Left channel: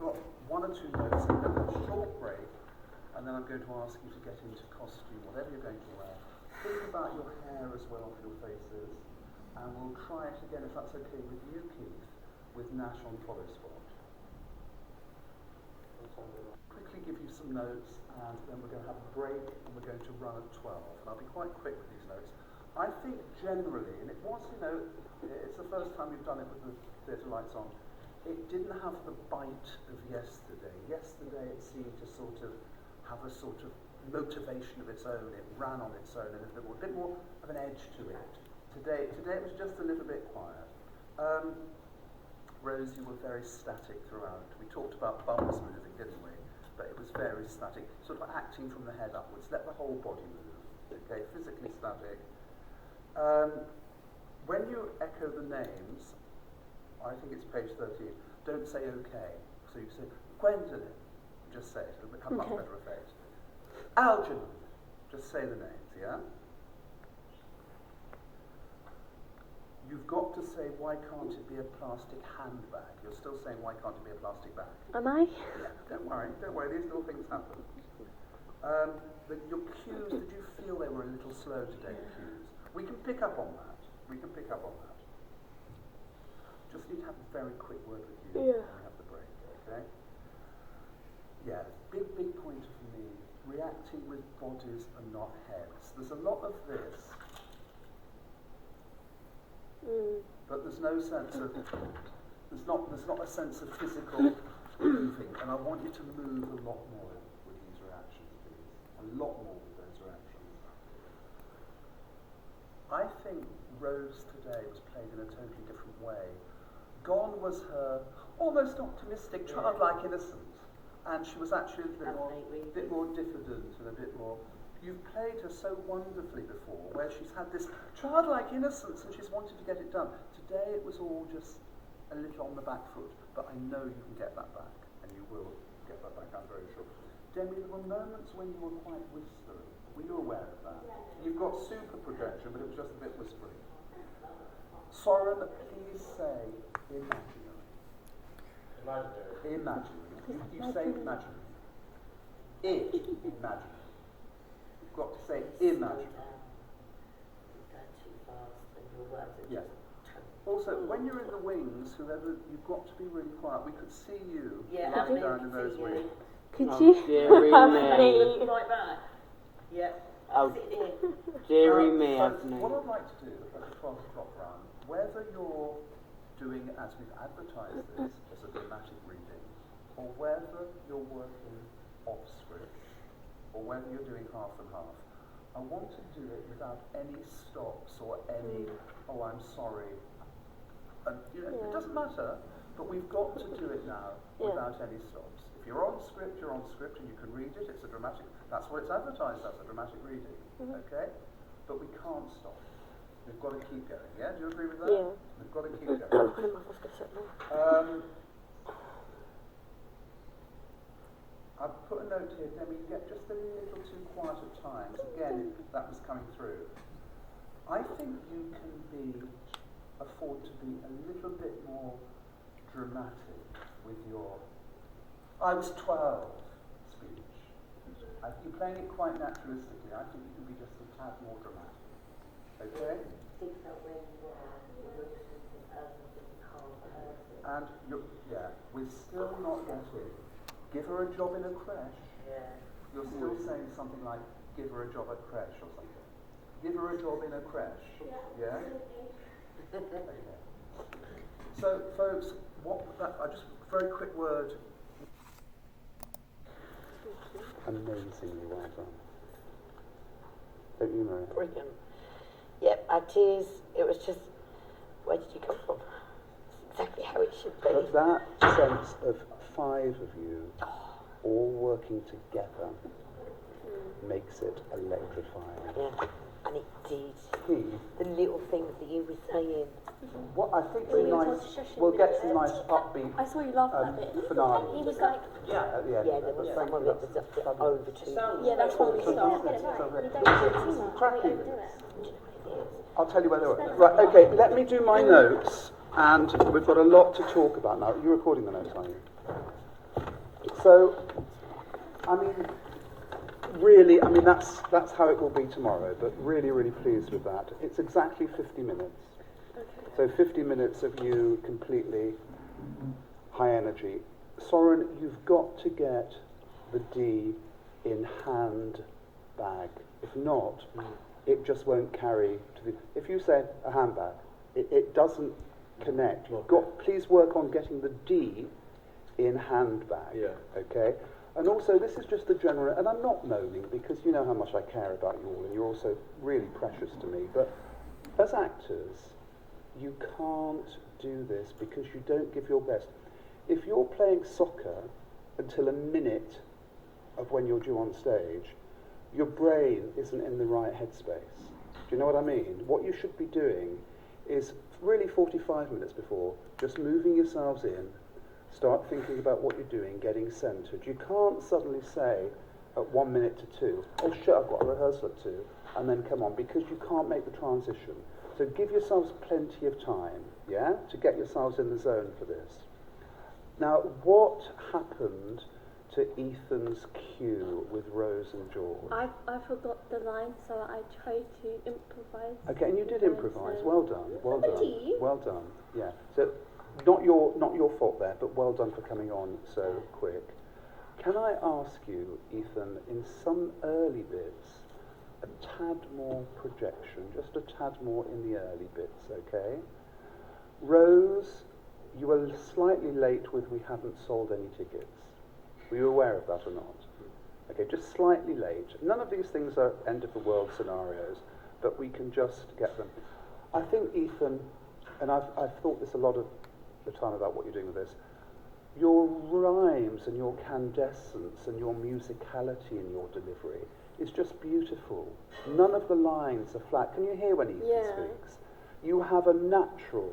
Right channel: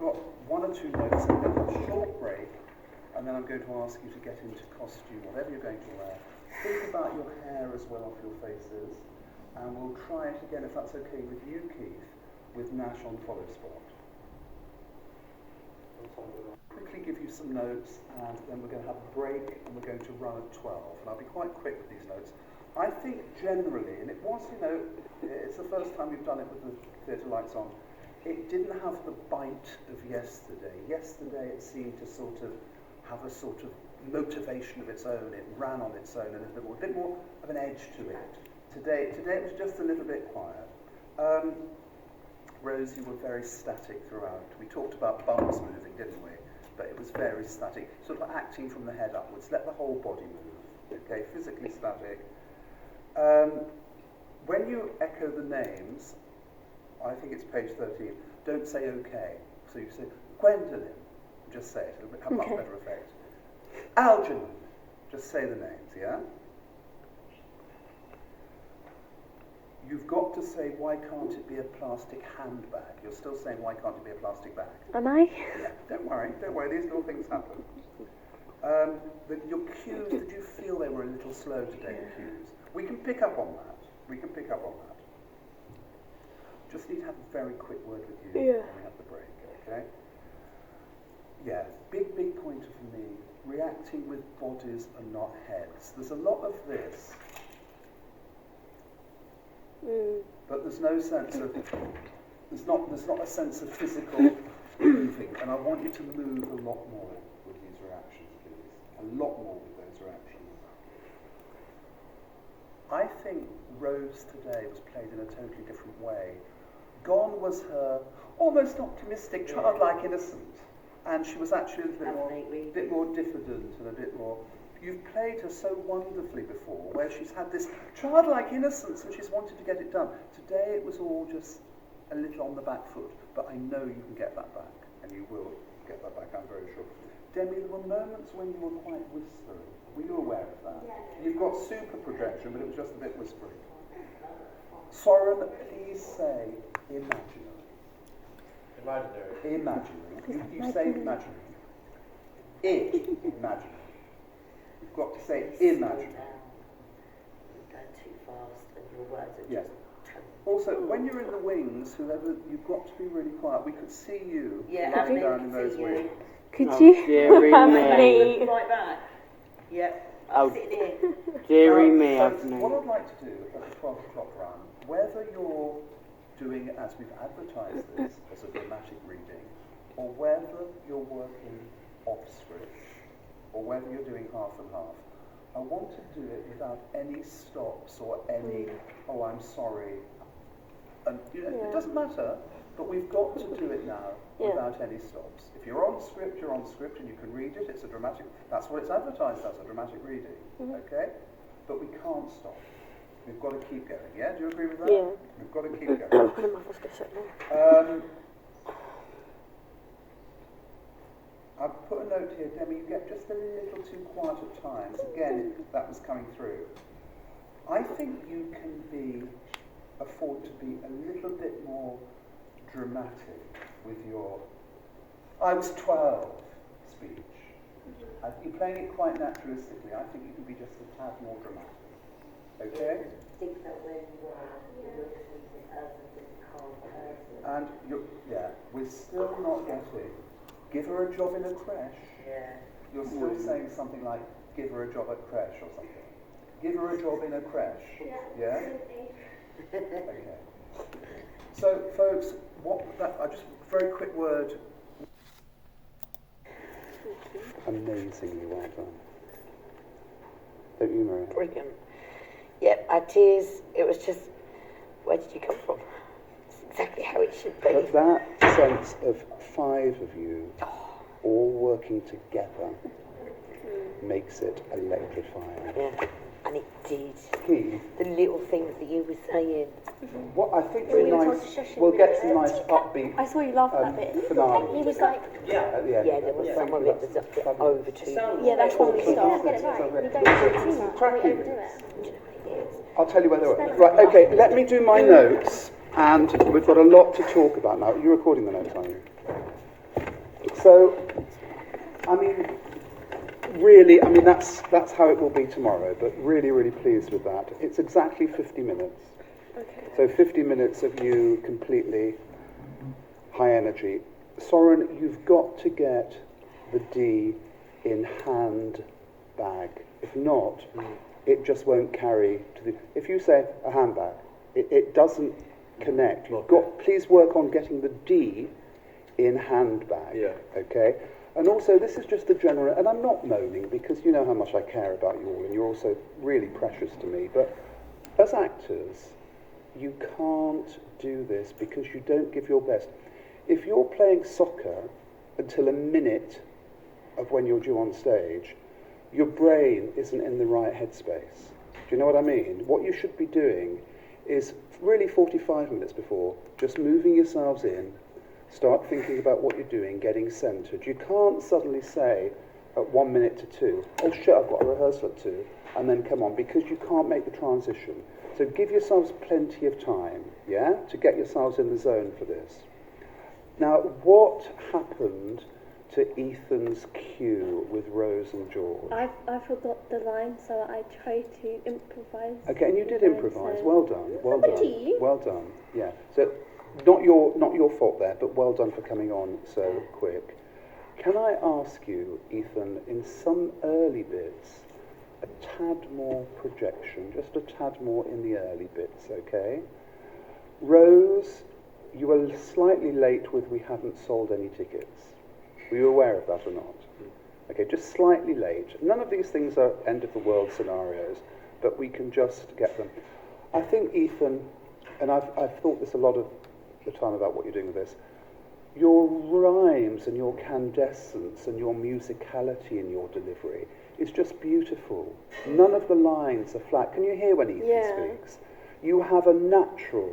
got one or two notes, and then a short break, and then I'm going to ask you to get into costume, whatever you're going to wear. Think about your hair as well off your faces, and we'll try it again, if that's okay with you, Keith, with Nash on follow spot. Quickly give you some notes, and then we're going to have a break, and we're going to run at 12. And I'll be quite quick with these notes. I think generally, and it was, it's the first time we've done it with the theatre lights on, it didn't have the bite of yesterday. Yesterday it seemed to sort of have a sort of motivation of its own. It ran on its own and a bit more of an edge to it. Today it was just a little bit quiet. Rose, you were very static throughout. We talked about bums moving, didn't we? But it was very static, sort of acting from the head upwards. Let the whole body move, okay? Physically static. When you echo the names, I think it's page 13, don't say okay. So you say, Gwendolyn, just say it, it'll have much better effect. Algernon, just say the names, yeah? You've got to say, why can't it be a plastic handbag? You're still saying, why can't it be a plastic bag? Am I? Yeah, don't worry, these little things happen. Your cues, did you feel they were a little slow today, the cues? We can pick up on that. Just need to have a very quick word with you when we have the break, okay? Yeah, big pointer for me, reacting with bodies and not heads. There's a lot of this, but there's no sense of, there's not a sense of physical moving, and I want you to move a lot more with these reactions, please. A lot more with those reactions. I think Rose today was played in a totally different way. Gone was her almost optimistic, childlike innocence, and she was actually a bit more diffident and a bit more. You've played her so wonderfully before, where she's had this childlike innocence and she's wanted to get it done. Today it was all just a little on the back foot, but I know you can get that back, and you will get that back, I'm very sure. Demi, there were moments when you were quite whispery. Were you aware of that? Yeah. You've got super projection, but it was just a bit whispery. Soren, please say imaginary. Imaginary. You say imaginary. Imaginary. You've got to say imaginary. You're going too fast and your words are just... Also, when you're in the wings, you've got to be really quiet. We could see you lying down in those wings. Could you have me? Right back. Yep. Sitting here. Deary me, what I'd like to do at the 12 o'clock round, whether you're doing it as we've advertised this as a dramatic reading, or whether you're working off script, or whether you're doing half and half, I want to do it without any stops or any, oh, I'm sorry. And it doesn't matter, but we've got to do it now without any stops. If you're on script, you're on script and you can read it, it's a dramatic, that's what it's advertised as, a dramatic reading, okay? But we can't stop. We've got to keep going, yeah? Do you agree with that? Yeah. We've got to keep going. I've put a note here, Demi, you get just a little too quiet at times. Again, that was coming through. I think you can afford to be a little bit more dramatic with your I was 12 speech. You're playing it quite naturalistically. I think you can be just a tad more dramatic. Okay? I think that when you're listening as a physical person. And we're still not getting. Give her a job in a creche. Yeah. You're still saying something like, give her a job at creche or something. Give her a job in a creche. Yeah? Okay. So, folks, just a very quick word. Amazingly well done. Don't you, Maria? Brilliant. Yep, our tears, it was just, where did you come from? It's exactly how it should be. But that sense of 5 of you all working together makes it electrifying. Yeah, and it did. Keith, the little things that you were saying. What I think we'll get some nice upbeat. I saw you laugh at that bit. Finale. He was like, at the end. Yeah, there was some of it was a bit over too. yeah, that's when we start. We don't do it too much. Cracky. We overdo it. I'll tell you where they were. Right, okay, let me do my notes, and we've got a lot to talk about now. You're recording the notes, aren't you? So, I mean, really, I mean, that's how it will be tomorrow, but really, really pleased with that. It's exactly 50 minutes. Okay. So 50 minutes of you completely high energy. Soren, you've got to get the D in hand bag. If not, it just won't carry to the... If you say a handbag, it doesn't connect. You've got, please work on getting the D in handbag. Yeah. Okay? And also, this is just a general... And I'm not moaning, because you know how much I care about you all, and you're also really precious to me. But as actors, you can't do this because you don't give your best. If you're playing soccer until a minute of when you're due on stage, your brain isn't in the right headspace. Do you know what I mean? What you should be doing is really 45 minutes before, just moving yourselves in, start thinking about what you're doing, getting centred. You can't suddenly say at 1 minute to 2, oh shit, I've got a rehearsal at 2, and then come on, because you can't make the transition. So give yourselves plenty of time, yeah, to get yourselves in the zone for this. Now, what happened to Ethan's cue with Rose and George? I forgot the line, so I tried to improvise. Okay, and you did Very improvise. so- Well done. Well Thank done. you. Well done. Yeah. So, not your fault there, but well done for coming on so quick. Can I ask you, Ethan, in some early bits, a tad more projection, just a tad more in the early bits, okay? Rose, you were slightly late with "we haven't sold any tickets." Were you aware of that or not? Okay, just slightly late. None of these things are end of the world scenarios, but we can just get them. I think, Ethan, and I've thought this a lot of the time about what you're doing with this, your rhymes and your candescence and your musicality in your delivery is just beautiful. None of the lines are flat. Can you hear when Ethan speaks? You have a natural,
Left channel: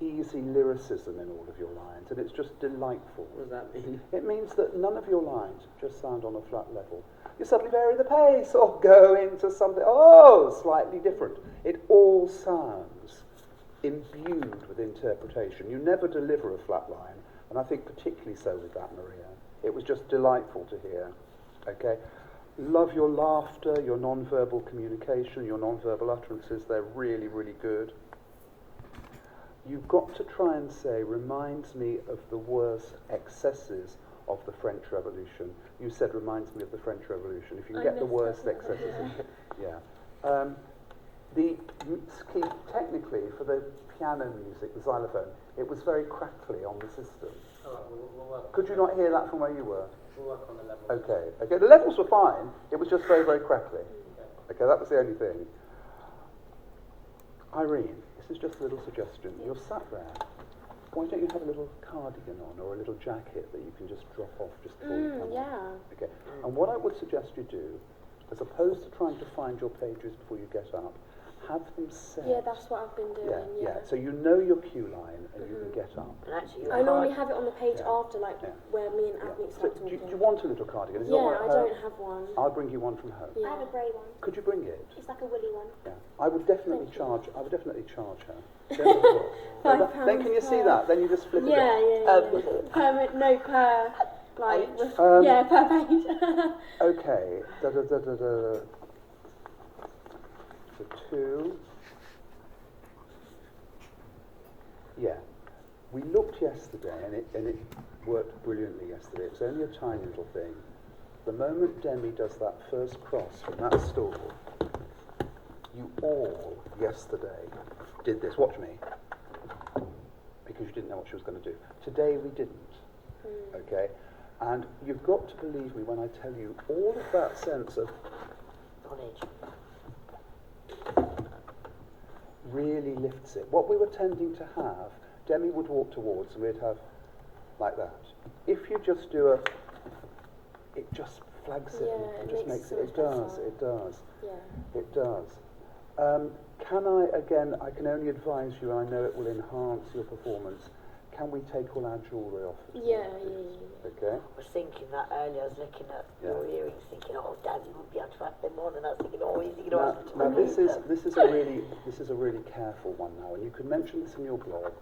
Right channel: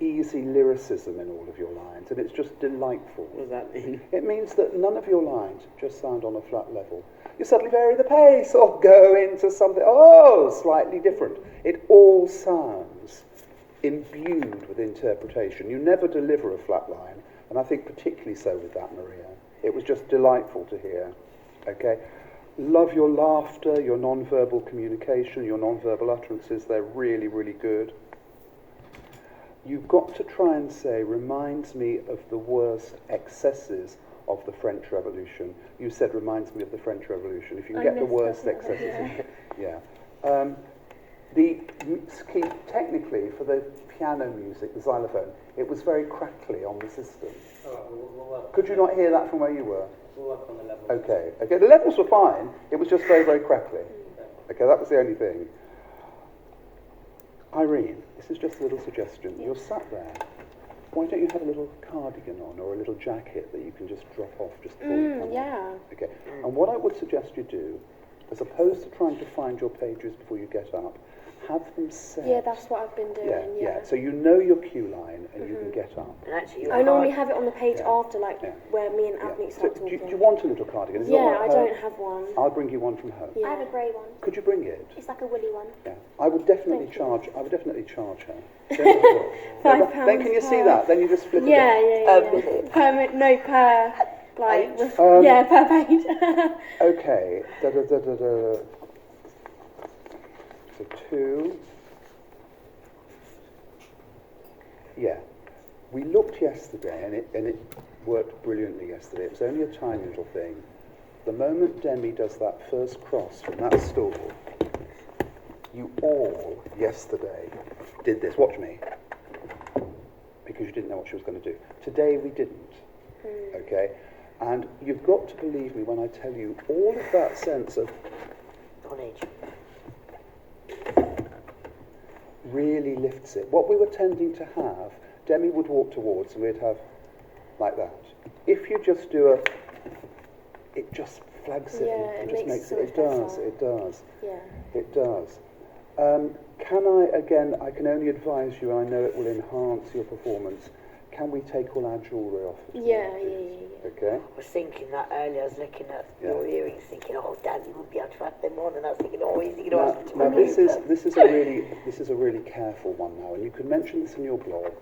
easy lyricism in all of your lines, and it's just delightful. What does that mean? It means that none of your lines just sound on a flat level. You suddenly vary the pace or go into something, slightly different. It all sounds imbued with interpretation. You never deliver a flat line, and I think particularly so with that, Maria. It was just delightful to hear. Okay? Love your laughter, your non-verbal communication, your non-verbal utterances. They're really, really good. You've got to try and say, reminds me of the worst excesses of the French Revolution. You said, reminds me of the French Revolution. If you can get the worst excesses. Yeah. The key, technically, for the piano music, the xylophone, it was very crackly on the system. Could you not hear that from where you were? We'll work on the level. Okay, the levels were fine. It was just very, very crackly. Okay, that was the only thing. Irene, this is just a little suggestion. You're sat there. Why don't you have a little cardigan on or a little jacket that you can just drop off just before you come on? Yeah. Okay. And what I would suggest you do, as opposed to trying to find your pages before you get up, have them set. Yeah, that's what I've been doing. Yeah. So you know your cue line and you can get up. And actually, I normally have it on the page after, Yeah. where me and Abney So start do talking. you want a little cardigan? Is it all Yeah, right I at home? don't have one. I'll bring you one from home. Yeah. I have a grey one. Could you bring it? It's like a woolly one. Yeah. I would definitely Thank you. charge. I would definitely charge her. Then can you see per- that? Then you just flip it. Yeah. Per page. Okay. So 2. Yeah. We looked yesterday, and it worked brilliantly yesterday. It was only a tiny little thing. The moment Demi does that first cross from that stool, you all yesterday did this. Watch me. Because you didn't know what she was going to do. Today we didn't. Okay? And you've got to believe me when I tell you all of that sense of knowledge really lifts it. What we were tending to have, Demi would walk towards and we'd have like that. If you just do it just flags it. Yeah, It it just makes makes it it. so It much does. better. It does. Yeah. It does. Can I, again, I can only advise you, and I know it will enhance your performance, can we take all our jewellery off? for Yeah. tomorrow, please? Okay? I was thinking that earlier. I was looking at Yeah. your earrings, thinking, "Oh, Daddy will be able to have them on," and I was thinking, "Oh, he's going to Now, ask me to now remove them." this is a really careful one now, and you can mention this in your blog,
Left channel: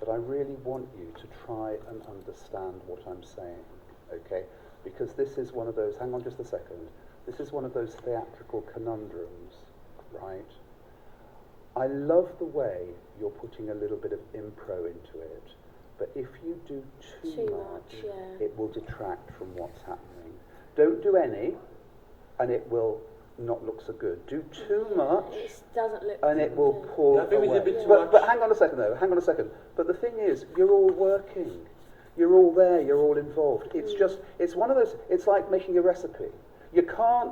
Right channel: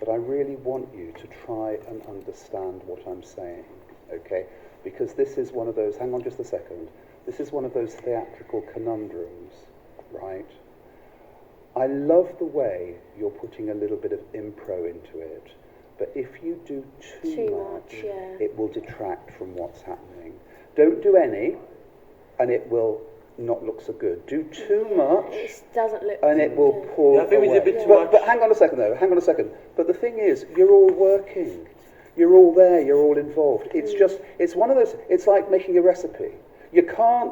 but I really want you to try and understand what I'm saying. okay? Because this is one of those, hang on just a second, this is one of those theatrical conundrums, right? I love the way you're putting a little bit of impro into it, but if you do too much, it will detract from what's happening. Don't do any, and it will not look so good. Do too much, it doesn't look and it will pull Yeah, I think we away. did a bit too much. But hang on a second though, hang on a second. But the thing is, you're all working. You're all there, you're all involved. It's just, it's one of those, it's like making a recipe. You can't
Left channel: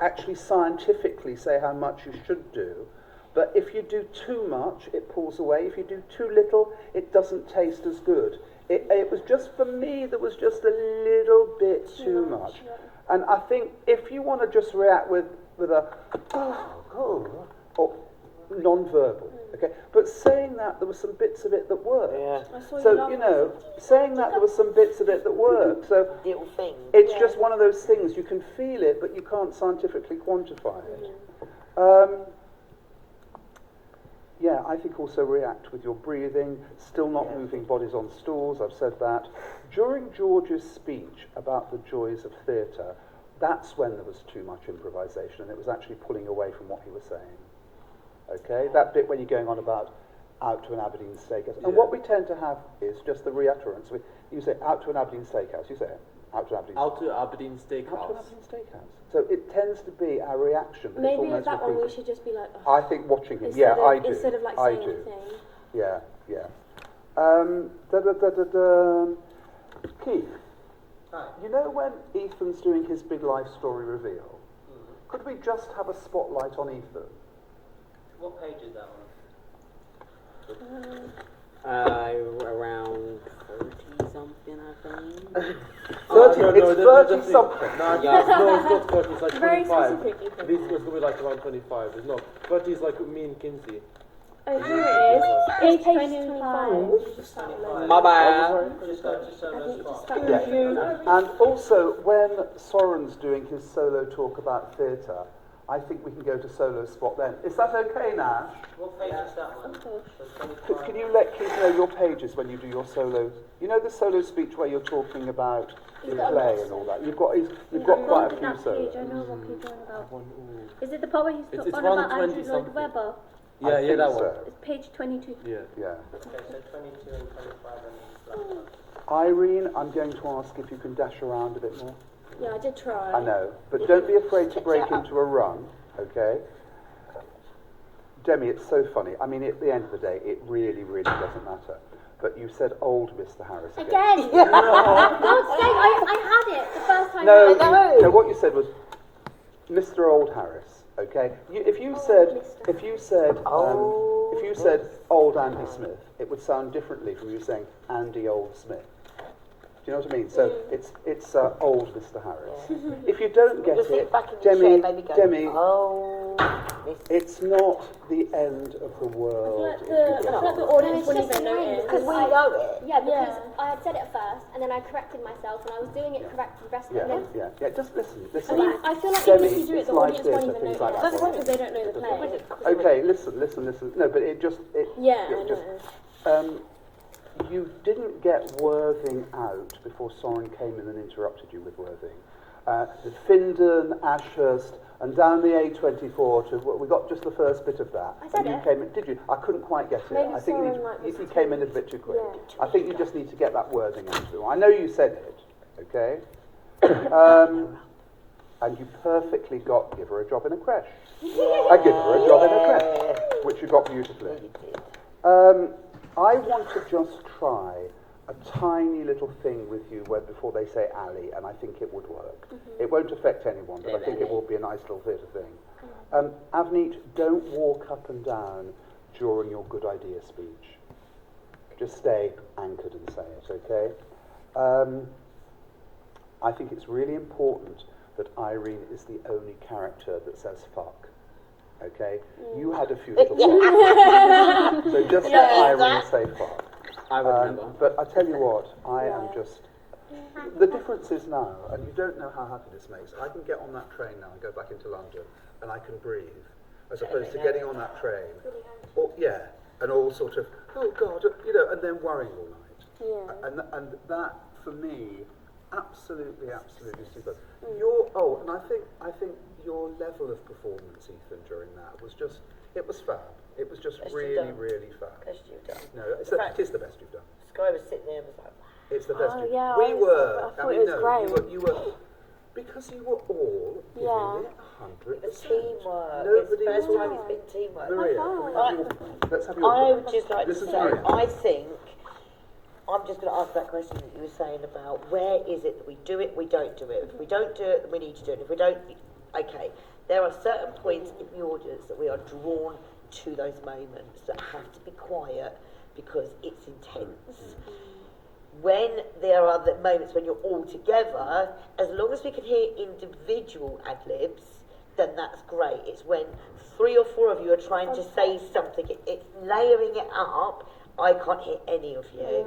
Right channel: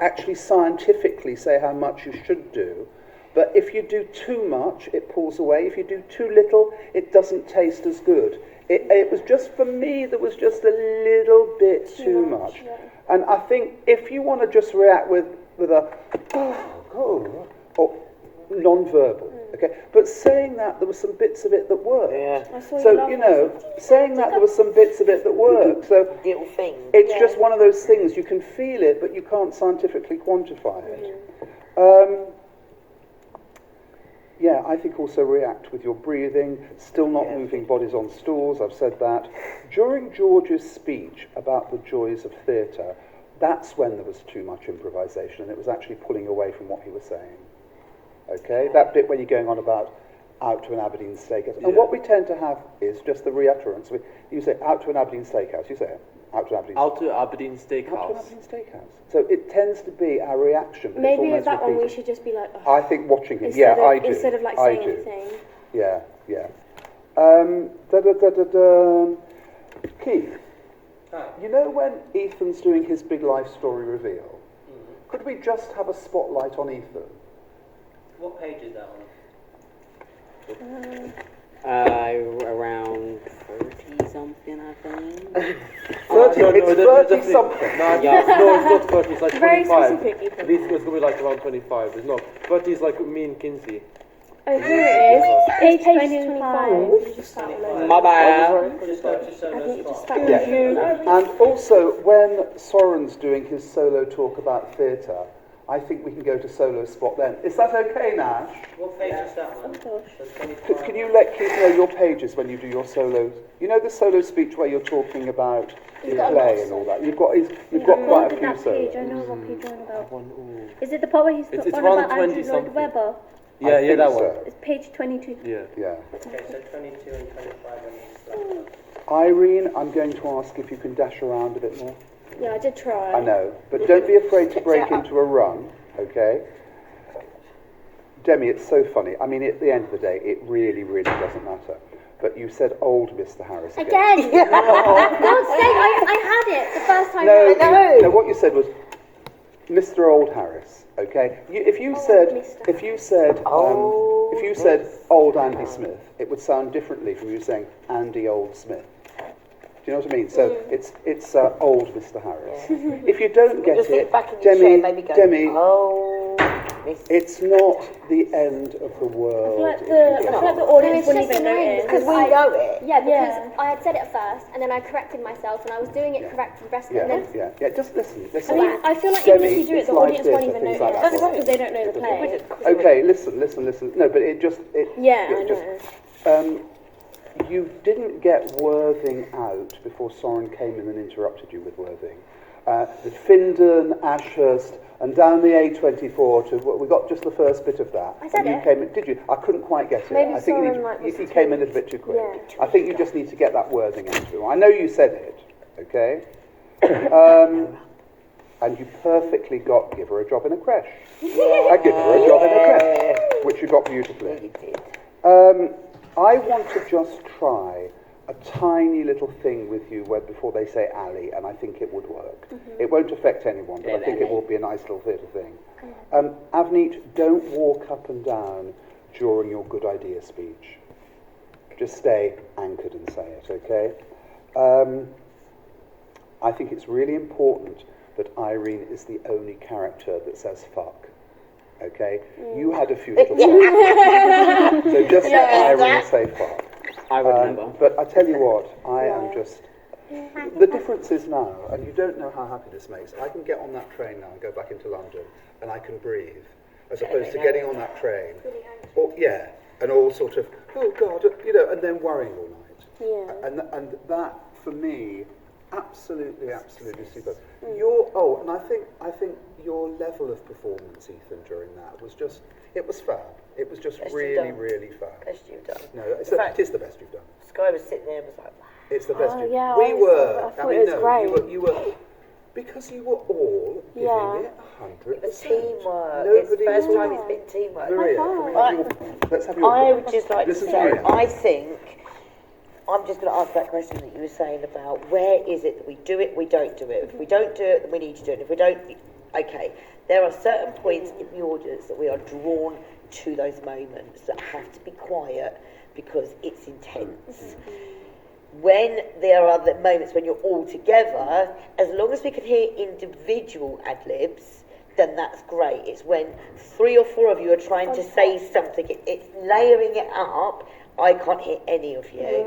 actually scientifically say how much you should do, but if you do too much, it pulls away. If you do too little, it doesn't taste as good. It was just, for me, there was just a little bit too much. Yeah. And I think if you want to just react with a, or non-verbal, okay? But saying that, there were some bits of it that worked. Yeah. I saw you So, laughing. you know, saying that there were some bits of it that worked. So Little thing. it's just one of those things, you can feel it, but you can't scientifically quantify it. Yeah, I think also react with your breathing, still not moving bodies on stools, I've said that. During George's speech about the joys of theatre, that's when there was too much improvisation and it was actually pulling away from what he was saying. Okay, that bit when you're going on about out to an Aberdeen steakhouse. And what we tend to have is just the reutterance. You say out to an Aberdeen steakhouse, you say it. Out to Aberdeen. Out to Aberdeen Out to Steakhouse. an Aberdeen steakhouse. So it tends to be our reaction. But Maybe it's with that one we repeated. should just be like, I think watching him. instead Yeah, of, I do. Instead of like I saying do. anything. Yeah. Keith, Hi. you know when Ethan's doing his big life story reveal, could we just have a spotlight on Ethan? What page is that on? Around 30 something, I think. 30, no, it's no, 30 definitely. something. No, it's not 30, it's like Very 25. specific, Ethan. This was going to be like around 25. It's not. 30 is like me and Kinsey. Oh, here it is. Page 25. Just that one. My bad. Just go to I solo think just spot. that Yeah. one. And also, when Soren's doing his solo talk about theatre, I think we can go to solo spot then. Is that okay, Nash? What page is that on? Of course. So 25. Can you let Keith know your pages when you do your solo? You know the solo speech where you're talking about the You've got a play lot and of all that. You've got I'm quite a on few that page. I solos. know what page you're on about. One, ooh. Is it the part where he's It's on around about Andrew 20 Lloyd something. Webber? Yeah, I yeah, think that so. one. It's page 22. Yeah. Yeah. Okay, so 22 and 25 on each side. Irene, I'm going to ask if you can dash around a bit more. Yeah, I did try. I know, but don't be afraid to break into a run, okay? Demi, it's so funny. I mean, at the end of the day, it really, really doesn't matter. But you said old Mr. Harris again. Again! God's sake, I had it the first time No, round. no, what you said was Mr. Old Harris, okay? If you said old Andy Smith, it would sound differently from you saying Andy Old Smith. Do you know what I mean? So it's old Mr. Harris. If you don't get Just it, sit back in your chair, maybe go, Demi, oh, this. it's not the end of the world. I feel if you like get the it. audience it's wouldn't just even annoying notice. because we know it. Yeah, because Yeah. I had said it at first, and then I corrected myself, and I was doing it correct for the rest of it. Yeah, And then yeah. Just listen. I mean, I feel like Demi, even if you do it, it's the live audience won't theatre, even things notice like that. because they don't know the play. Okay, listen. No, but it just Yeah, it I just know. you didn't get Worthing out before Soren came in and interrupted you with Worthing. Findon, Ashurst, and down the A24 to we got just the first bit of that. I said and you it. came in, did you? I couldn't quite get it. Maybe I think Soren, like, was you came in a bit too quick. Yeah. I think you just need to get that Worthing out of him. I know you said it, okay? And you perfectly got give her a job in a creche. I give her a job in a creche, which you got beautifully. You did. I want to just try a tiny little thing with you where before they say Ali, and I think it would work. It won't affect anyone, but I think it will be a nice little theatre thing. Avneet, don't walk up and down during your good idea speech. Just stay anchored and say it, okay? I think it's really important that Irene is the only character that says fuck. Okay? You had a few little seconds. So just let Irene say fuck. I would never. But I tell you what, I am just... The difference is now, and you don't know how happy this makes, I can get on that train now and go back into London, and I can breathe, as opposed to getting on that train. Or, yeah, and all sort of, oh God, you know, and then worrying all night. Yeah. And that, for me, absolutely superb. Mm. And I think your level of performance, Ethan, during that was just, it was fab. It was just Best you've really, done. really fab. Best you've done. No, In fact, it is the best you've done. Sky was sitting there and was like, wow. It's the best Oh, you've yeah, done. I thought it was great. You were, because you were all giving Yeah. it 100%. The teamwork. Nobody It's the first was- time it's been teamwork. Maria, can we have let's have your I would just like to Listen to say, Maria. I think, I'm just going to ask that question that you were saying about where is it that we do it, we don't do it. If we don't do it, then we need to do it. If we don't, okay. There are certain points in the audience that we are drawn to those moments that have to be quiet because it's intense. When there are the moments when you're all together, as long as we can hear individual ad-libs, then that's great. It's when 3 or 4 of you are trying to say something, it's layering it up, I can't hear any of you.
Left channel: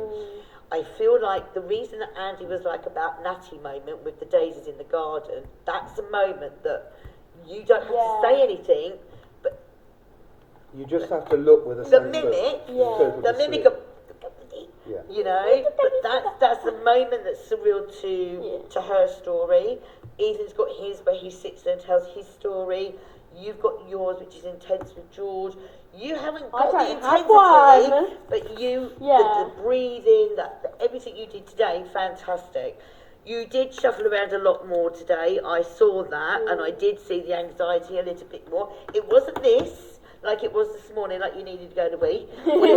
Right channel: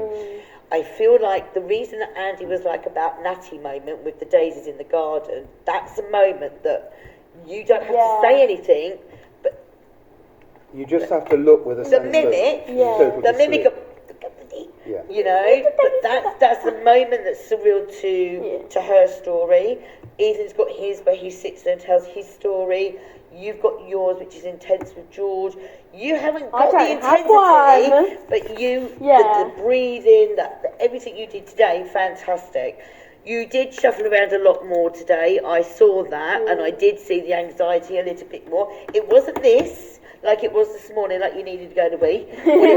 I feel like the reason that Andy was like about Natty moment with the daisies in the garden, that's a moment that you don't have to say anything, but You just have to look with a the sense mimic, of total the mimic disbelief. of, Yeah. you know, but that's a moment that's surreal to her story. Ethan's got his where he sits there and tells his story. You've got yours, which is intense with George. You haven't got the don't have intensity, one. but you, Yeah. the breathing, everything you did today, fantastic. You did shuffle around a lot more today. I saw that, and I did see the anxiety a little bit more. It wasn't this, like it was this morning, like you needed to go to wee. What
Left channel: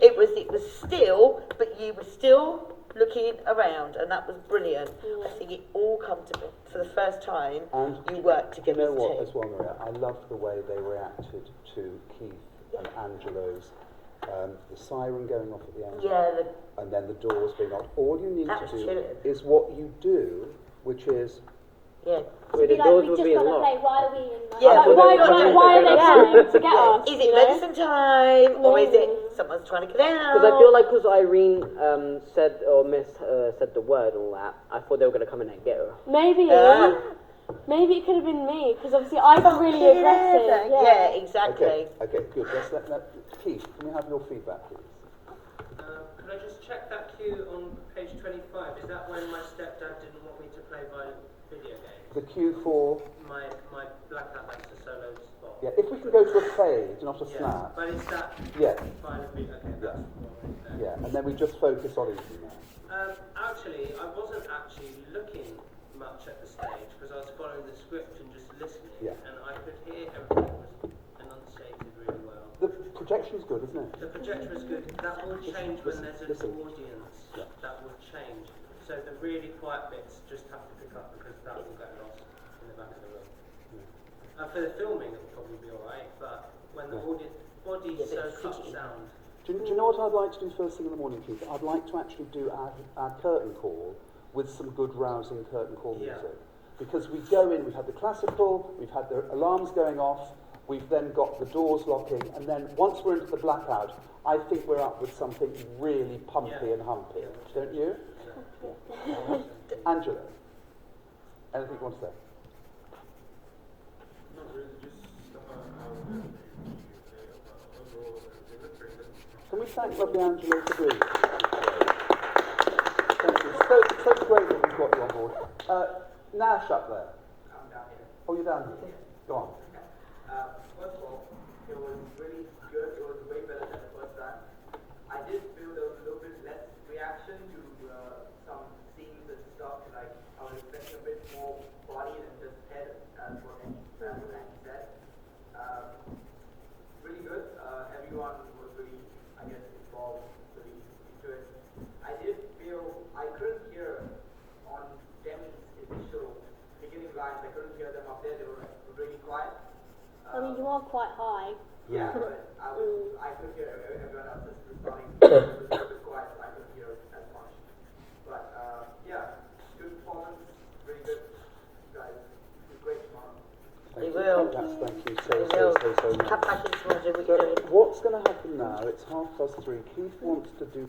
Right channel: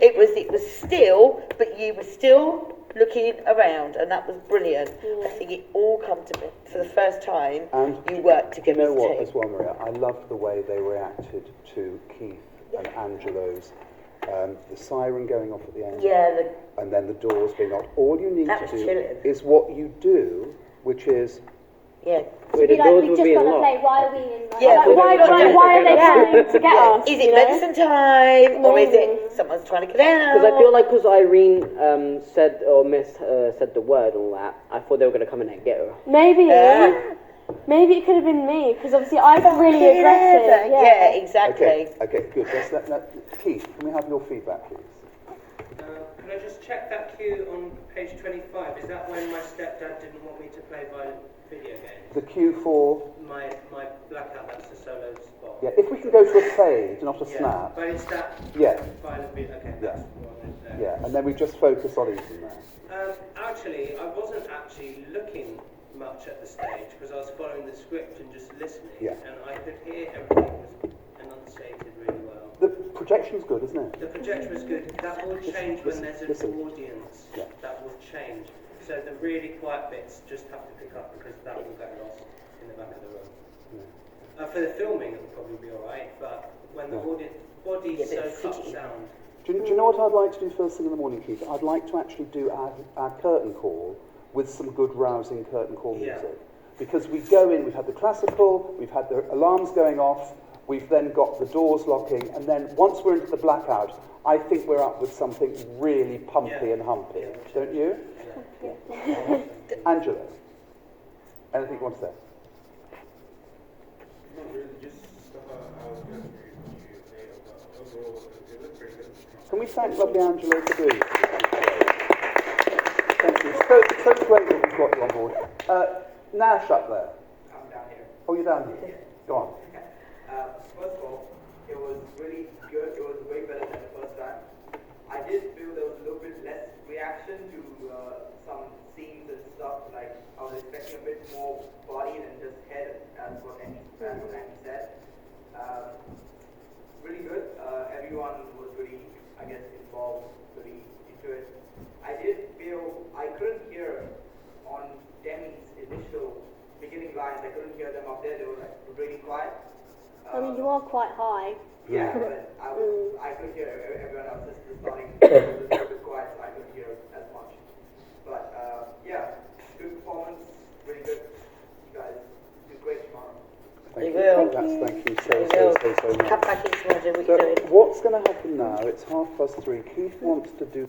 it was still, but you were still looking around, and that was brilliant. I think it all come to me for the first time. And you worked together You know as a what, team. as well, Maria? I loved the way they reacted to Keith and Angelo's, the siren going off at the end, Yeah, and then the doors being locked. All you need That to was do chilling. is what you do, which is yeah. Where Be the like, doors we will just be gotta unlocked. play. Why are we in? Like, Yeah, Why are they coming to get us? Is you it know? medicine time, or is it someone's trying to get out? Because I feel like because Irene said or Miss said the word and all that, I thought they were gonna come in and get her. Maybe. Maybe it could have been me, because obviously I'm really aggressive. Yeah, exactly. Okay, good. Keith, can we have your feedback, please? Can I just check that cue on page 25? Is that when my stepdad didn't want me to play violent video games? The cue for... My blackout, that's the solo spot. Yeah, if we can go to a fade, not a snap. But it's that Yeah. violent video. Okay, that's what I wanted to know. Yeah, and then we just focus on Ethan there. Actually, I wasn't actually looking much at the stage because I was following the script and just listening. Yeah. And I could hear everything was enunciated really well. The projection's good, isn't it? The projection was good. That will change when there's an listen. audience. Yeah. That will change. So the really quiet bits just have to pick up because that will get lost in the back of the room. Yeah. For the filming, it'll probably be alright, but when the audience body soaks up sound. Do you know what I'd like to do first thing in the morning, Keith? I'd like to actually do our curtain call with some good rousing curtain call music. Yeah. Because we go in, we've had the classical, we've had the alarms going off, we've then got the doors locking, and then once we're into the blackout, I think we're up with something really pumpy and humpy. Yeah. Don't you? Yeah. Angela, anything you want to say? Not really, just I was going to say about overall, it looked pretty good. Can we thank lovely Angela for doing it? Thank you. It's so great that we've got you on board. Nash up there. I'm down here. Oh, you're down here. Go on. First of all, it was really good. It was way better than the first time. I did feel there was a little bit less reaction to some scenes and stuff. Like I was expecting a bit more body than just head, as what Andy said. Really good. Everyone was really, I guess, involved, really into it. I did feel I couldn't hear on Demi's initial beginning lines. I couldn't hear them up there. They were like really quiet. I mean, you are quite high. Yeah, but I could hear everyone else just starting a little bit quiet, so I couldn't hear as much. But yeah, good performance, really good. You guys did great tomorrow. Thank They you. will. Thank you They so will. much. Come back in tomorrow, do what So you're doing. what's going to happen now? It's 3:30. Keith wants to do